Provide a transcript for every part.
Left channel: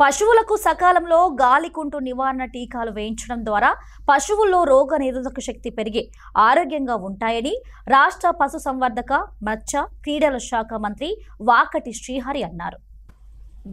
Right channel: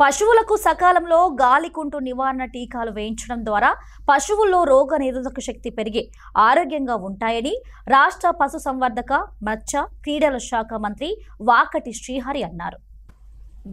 పశువులకు సకాలంలో గాలికుంటు నివారణ టీకాలు వేయించడం ద్వారా పశువుల్లో రోగ నిరోధక శక్తి పెరిగి ఆరోగ్యంగా ఉంటాయని రాష్ట్ర పశుసంవర్ధక, మత్స్య, క్రీడల శాఖ మంత్రి వాకటి శ్రీహరి అన్నారు.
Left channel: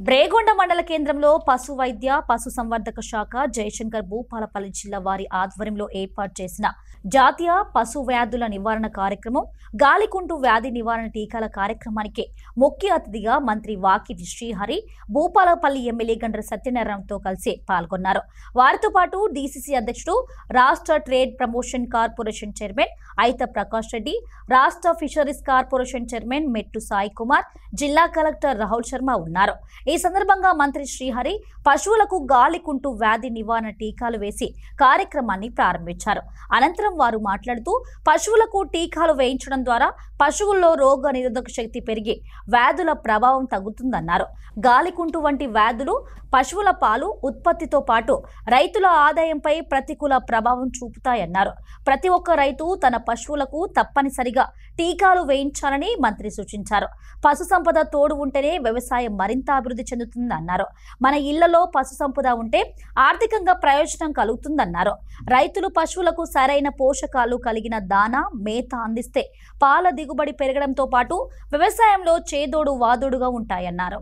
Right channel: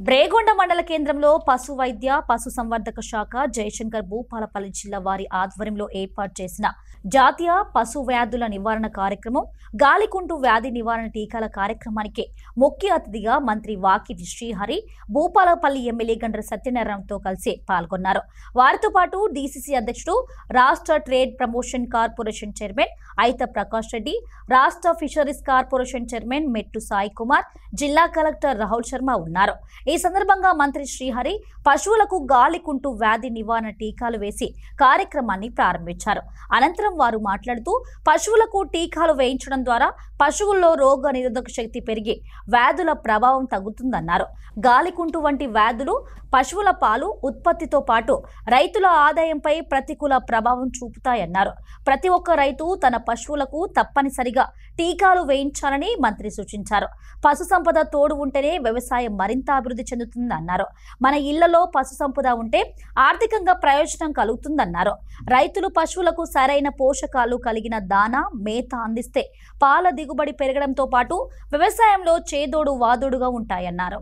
బ్రేగొండ మండల కేంద్రంలో పశు వైద్య, పశుసంవర్ధక శాఖ, జయశంకర్ భూపాలపల్లి జిల్లా వారి ఆధ్వర్యంలో ఏర్పాటు చేసిన జాతీయ పశు వ్యాధుల నివారణ కార్యక్రమం, గాలికుంటు వ్యాధి నివారణ టీకాల కార్యక్రమానికి ముఖ్య అతిథిగా మంత్రి వాకిటి శ్రీహరి భూపాలపల్లి ఎమ్మెల్యే గండ్ర సత్యనారాయణతో కలిసి పాల్గొన్నారు. వారితో పాటు డీసీసీ అధ్యక్షుడు, రాష్ట్ర trade promotion corporation chairman ఐత Prakash Reddy, రాష్ట్ర ఫిషరీస్ కార్పొరేషన్ చైర్మన్ మెట్టు సాయి కుమార్, జిల్లా కలెక్టర్ రాహుల్ శర్మ ఉన్నారు. ఈ సందర్భంగా మంత్రి శ్రీహరి పశువులకు గాలికుంటు వ్యాధి నివారణ టీకాలు వేసి కార్యక్రమాన్ని ప్రారంభించారు. అనంతరం వారు మాట్లాడుతూ పశువులకు టీకాలు వేయించడం ద్వారా పశువుల్లో రోగ నిరోధక శక్తి పెరిగి వ్యాధుల ప్రభావం తగ్గుతుందన్నారు. గాలికుంటు వంటి వ్యాధులు పశువుల పాలు ఉత్పత్తితో పాటు రైతుల ఆదాయంపై ప్రతికూల ప్రభావం చూపుతాయన్నారు. ప్రతి ఒక్క రైతు తన పశువులకు తప్పనిసరిగా టీకాలు వేయించాలని మంత్రి సూచించారు. పశు సంపద తోడు ఉంటేనే వ్యవసాయం మరింత అభివృద్ధి చెందుతుందన్నారు. మన ఇళ్లలో పశు సంపద ఉంటే ఆర్థికంగా ప్రయోజనం కలుగుతుందన్నారు. రైతులు పశువులకు సరైన పోషకాలు కలిగిన దానా, మేత అందిస్తే పాల దిగుబడి పెరగడంతో పాటు వ్యవసాయంలో చేదోడు వాదోడుగా ఉంటాయన్నారు.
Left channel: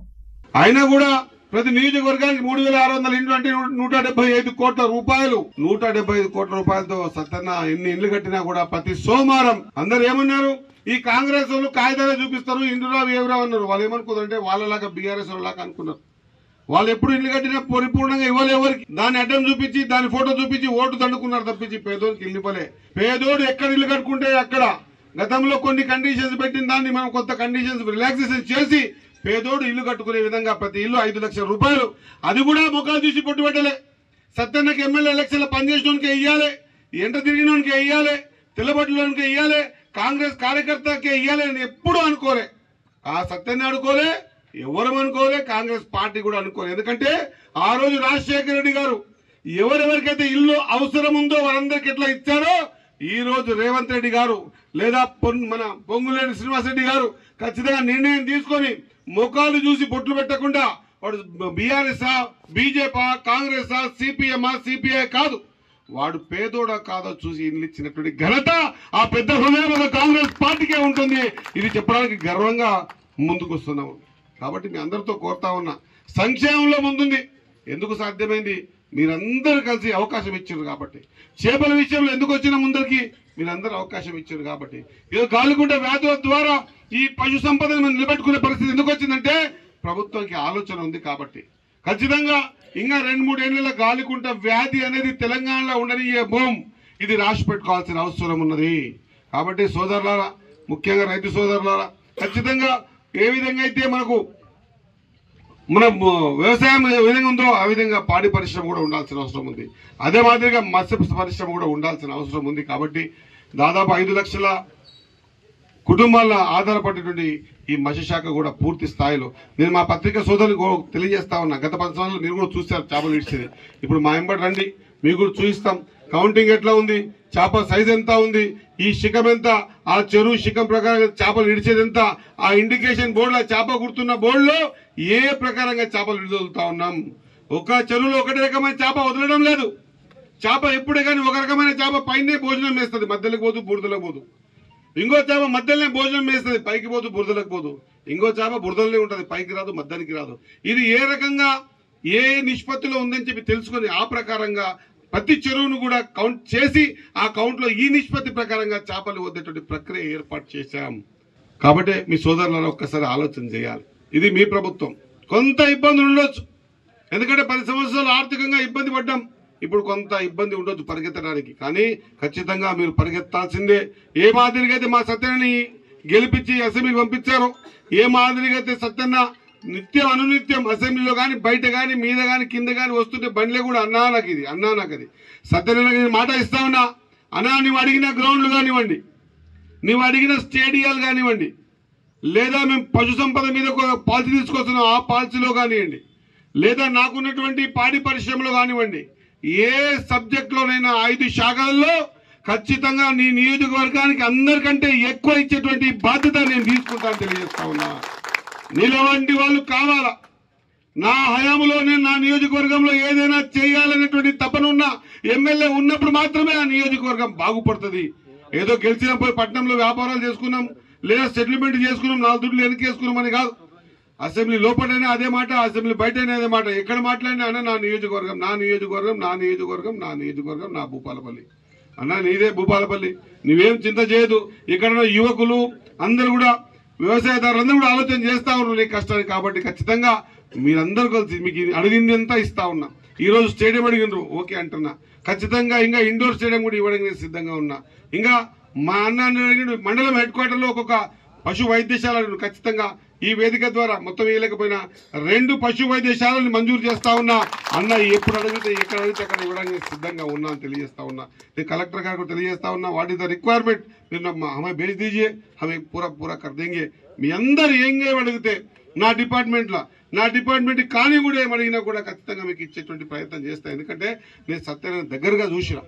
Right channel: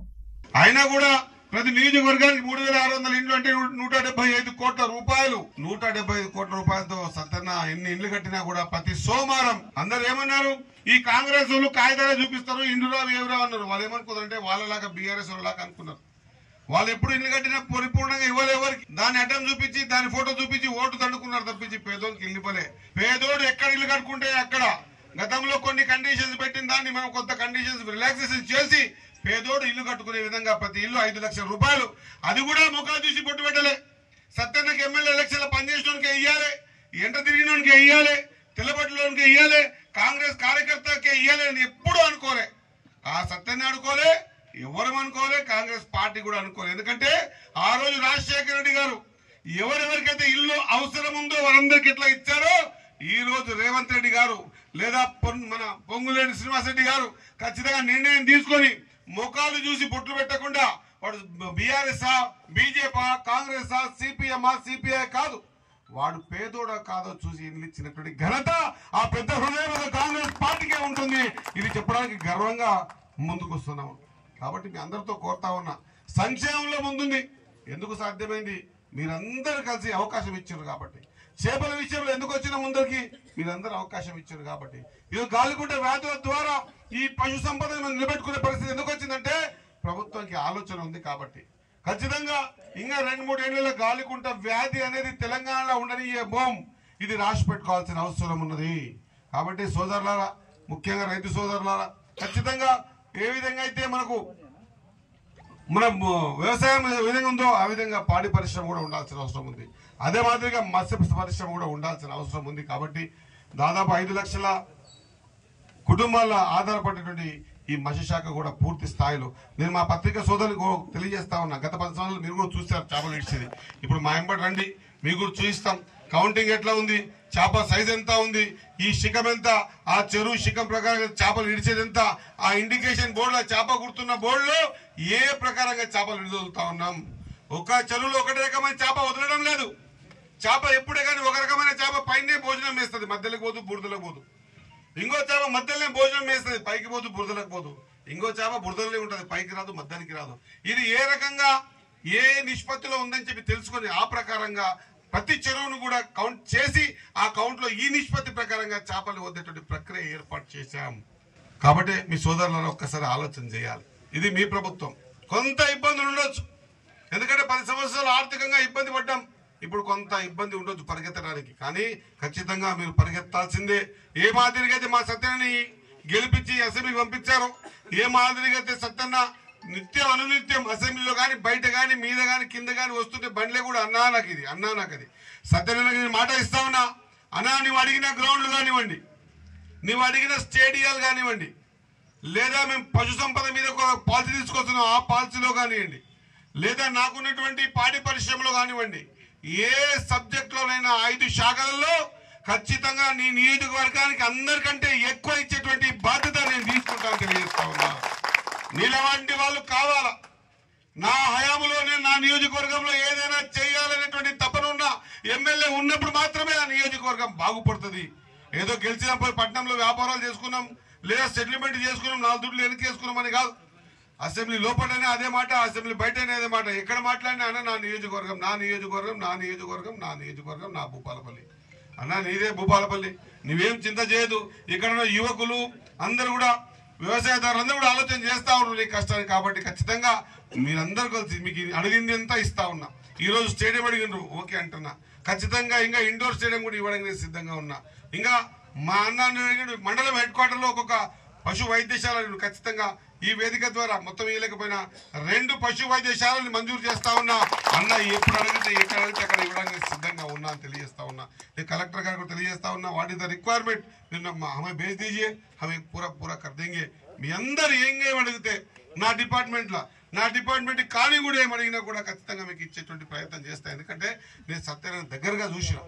అయినా కూడా ప్రతి నియోజకవర్గానికి 3600 ఇండ్లు అంటే 175 కోట్ల రూపాయలు, 175 కోట్ల రూపాయలతో సత్తన్న ఎన్ని ఇండ్లు కట్టినా కూడా ప్రతి సోమవారం అందరు ఏమన్నారు, ఈ కాంగ్రెస్ వాళ్ళు కాగితాలే చూపిస్తారు, ఇండ్లురావు ఏవరావు అన్నారు. వాళ్ళు ఏమనుకుంటారంటే వాళ్ళలాగా బీఆర్ఎస్ వాళ్ళలాగా అనుకున్నారు. వాళ్ళు ఎప్పుడు ఇల్లు కట్టినా పరిపూర్ణంగా ఇవ్వలేవరికి దాన్ని అడ్డం చూపించి దాని ఫోటో చూపించి ఓటు దండుకున్నారు తప్పించి పేదోడికి ఇల్లు ఇవ్వలే. పేదోడు ఎక్కడ ఇల్లు కట్టుకుంటే అక్కడ గతంలో కొన్ని కండిషన్స్ పెట్టిన దాన్ని మనం కొత్త కండిషన్స్ రిలాక్సేషన్ చేసి పేదోడు ఇల్లు కట్టుకునే విధంగా ప్రతి ఇల్లు 5 లక్షల రూపాయలు, అది కూడా ముఖాలు చూసి కొట్టు పెట్టలే. సత్తన్నకి ఎమ్మెల్యే ఎలక్షన్లో పనిచేసినోనికి ఇయ్యాలి, ఎంట తిరిగినోనికి ఇయ్యాలి, తెల్లబట్టలోనికి ఇయ్యాలి, కాంగ్రెస్ కార్యకర్తకే ఇయ్యాలి అని ఎప్పుడు అనుకోలే. ఆ సత్తన్న అనుకోలే, ఎవరు అనుకోలే, కాంగ్రెస్ పార్టీ కూడా అనుకోలే. ఎందుకంటే ఆ రోజు రాజశేఖర రెడ్డి గారు ఎవరెవరికైతే ఇల్లు అవసరం ఉందో వారందరికి ఎట్లా ఇచ్చారో ఈ రోజు రేవంత్ రెడ్డి గారు లేదా మన పొంగులేని శ్రీనివాసరెడ్డి గారు ఖచ్చితంగా నిర్ణయం తీసుకొని ముఖాలు చూసి బొట్లు పెట్టకుండా వాడు BRS, BJP, Congress, CPM, CPI కాదు, వాడు పేదోడా కాదో చూసి ఇల్లు ఇచ్చినటువంటి ఘనత ఆ పెద్ద హృదయం కాంగ్రెస్ పార్టీకే ఉంటుంది. ఇది చెప్పడానికి గర్వంగా ముందుకు వస్తున్నాము. కాబట్టి మీ అందరితో కోరుతా ఉన్నా, సంక్షేమంలో ముందుంది. ఎందుకు సాధ్యమైంది? మీరందరూ కలిసి అవకాశం ఇచ్చారు కాబట్టి. చేపల విషయంలో ఎందుకు వచ్చిన ముందరికి మీరందరూ అవకాశం ఇచ్చారు కాబట్టి. ఏదో గాలికుంట వ్యాధుల ద్వారా ఈ పశు సంపదను మనం నిలబెట్టుకునే పరిస్థితి ఎందుకు వచ్చిందంటే ప్రభుత్వానికి ఆలోచన ఉంది కాబట్టి. ఖచ్చితంగా ఇంకా 2-3 ఏళ్లలో గాలికుంట వ్యాధి అనేది తెలంగాణలో ఉండని ఇది రాసి పెట్టుకోవాల్సిన అవసరం ఉన్నది. కాబట్టి సోదరులారా, ముఖ్యంగా రైతు సోదరులారా, ఖచ్చితంగా ఏ విధంగా అయితే మనకు మన వ్యవసాయం ఏ విధంగా ఉందో ఆ విధంగా పాడి పరిశ్రమ కూడా ఉండాల్సిన అవసరం ఉంది. అదే మాదిరిగా మత్స్య పరిశ్రమ కూడా ఉండాల్సిన అవసరం ఉంది. కాబట్టి దాదాపు 5 లక్షల కుటుంబాల ఆధారపడేటువంటి ఈ మత్స్య శాఖ కూడా పూర్తి స్థాయిలో నేను మా పత్రికా సోదరులకు తెలియజేస్తా ఉన్నా. గత 10 సంవత్సరాలు మీరు కూడా చూస్తారు చేపలు ఇచ్చేది. ఇప్పుడు మా ఎంబడి రండి, మీకు కూడా చూపిస్తాం. కౌంటింగ్ ఎట్లా ఉంది, చేప సైజ్ ఎంత ఉంది, ఈ శిఖం ఎంత, ఆ చెరువు శిఖం ప్రకారంగా చేపలు ఇడిచేది ఎంత, ఆ ఇండికేషన్ బోర్డులో చేప గుర్తున్న బోర్డులో ఏ ప్రకారంగా చేపలు విడుదలుతా ఉన్నాం. ఒక చెరువులో ఒకటే రకమైన చేప వదలడం లేదు. చేప ఎప్పుడే కానీ ఒక రకమైన చేప పైనే భోజనం వేస్తుంది, మధ్యలోకి పోదు, బురదలకు పోదు. ఇంకో చేప మధ్యలోనే భోజనం వేస్తుంది, పైకి పోదు, బురదలకు పోదు. ఇంకో చేప బురదలనే ఉంటుంది, పైకి రాదు, మధ్యానికి రాదు. ఇది ఏ రకంగా ఏ నిష్పత్తిలో ఉందని చెప్పి తెలుసుకొని ఆ ప్రకారంగా ప్రతి చెరువును కూడా కౌంట్ చేసి ఆ కౌంట్లో ఈ నిష్పత్తి ప్రకారంగా చేపలు వద్దేటువంటి ప్రక్రియ ఏర్పాటు చేశాం. కాబట్టి మీ సోదరులను ఒక్కసారి ఆలోచన చేయాలి. ఇది మీ ప్రభుత్వం. కొంత ఇబ్బందులు ఉండొచ్చు, ఎందుకంటే 10 సంవత్సరాలు ఆర్థికంగా ఇబ్బంది పడ్డాం. ఇప్పుడు కొంత ఇబ్బంది ఉండొచ్చు పరిగెత్తడానికి, కానీ ఖచ్చితంగా మీరు పరిగెత్తాల్సిందే. ఏ మాదిరిగా అయితే మా సత్యని గెలిపించి అసెంబ్లీకి పంపించారో, ఏ మాదిరిగా అయితే సత్యన్న నిత్యం అనునిత్యం అసెంబ్లీలో కానీ బయట కానీ మీద కానీ కింద కానీ వస్తుంటే బండ్లే కూడా అన్నా నాకు అది సత్యనారాయణ మాట ఇస్తా ఉన్నా. అన్నా, నువ్వు అడిగిన గ్రౌండ్లు కానివ్వండి, నువ్వు అడిగిన స్టేడియాలు కానివ్వండి, లేదా మేము పశు సంపద మీద ఒక పాలసీ తీసుకొస్తున్నాం ఆ పాలసీలో కానివ్వండి, లేదా నాకున్నటువంటి పాడి పరిశ్రమలో కానివ్వండి, ఏ సబ్జెక్టులోనైనా 5 శాఖలలో ఖచ్చితంగా నీ నియోజకవర్గానికి అందరికంటే ఎక్కువ ఇచ్చేటువంటి బాధ్యత నేను తీసుకుంటాను తెలియజేస్తా ఉన్నా. నీలాంటి వాళ్ళు కావాలా, నా హయాంలోనే నా నియోజకవర్గంలో ఏదైనా చేయాలనేటువంటి తపనున్న ఎమ్మెల్యే ఉన్నప్పుడు మాత్రమే ఆ నియోజకవర్గం బాగుపడుతుంది. ఏదో గెలిచినప్పుడు పట్టణంలో వ్యాపారాలు చేసుకున్నాం, లేదా సెటిల్మెంట్ చేసుకున్నాం, 4 దుడ్లు వెనకేసుకున్నాం అని కాదు. అసెంబ్లీ లోపలైనా అదే మాట, అసెంబ్లీ బయటైనా అదే మాట. ఎక్కడ మాట్లాడినా అన్న నా నియోజకవర్గం, నా నియోజకవర్గం, నా నియోజకవర్గం, నా నియోజకవర్గం, నా భూపాలపల్లి అన్న, నీదే భూపాలపల్లి, నువ్వేం చింత చేయదు. ఇక్కడ యువకులు అందరూ కూడా, వ్యవసాయదారులందరూ కూడా ఆలోచన చేస్తా ఉన్నారు నీ కష్టాన్ని. కాబట్టి ఖచ్చితంగా మీరందరూ కలిసి మీకు అడిగింది అంతా ఇస్తా ఉన్నా. ఈ రోజు స్టేడియం అడిగినారు, ఓకే అంటున్నా. ఖచ్చితంగా ఇంకా ఇండోర్ స్టేడియం కూడా ఇవ్వడానికి నేను సిద్ధంగా ఉన్నా. ఇంకా మా అన్న మండలం హెడ్ క్వార్టర్లో ఒక్కొక్క పశు వైద్యశాలను ఖచ్చితంగా ఈ వేదిక ద్వారా మొత్తం వేయలేకపోయినా 2 పశు వైద్యశాలను మంజూరు చేస్తా ఉన్నా. అన్న ఎప్పుడు అడిగితే ఎక్కడ అడిగితే అక్కడ ఇవ్వడానికి సిద్ధంగా ఉన్నా అని తెలియజేస్తా ఉన్నా. నేను కలెక్టర్ గారికి తెలియజేస్తా ఉన్నా, వాట్ ఈస్ ద రిక్వైర్మెంట్, మీరు हमें भेज दीजिए, हमें पूरा कर देंगे. మీ అందరు ఏం అడిగితే నా డిపార్ట్మెంట్ కానీ కూడా ఏమడిగినా కూడా ఖచ్చితంగా మీకు ఇచ్చేటువంటి ప్రయత్నం చేస్తా. ఎందుకంటే నేను సత్యాన్ని దగ్గరగా చూసిన.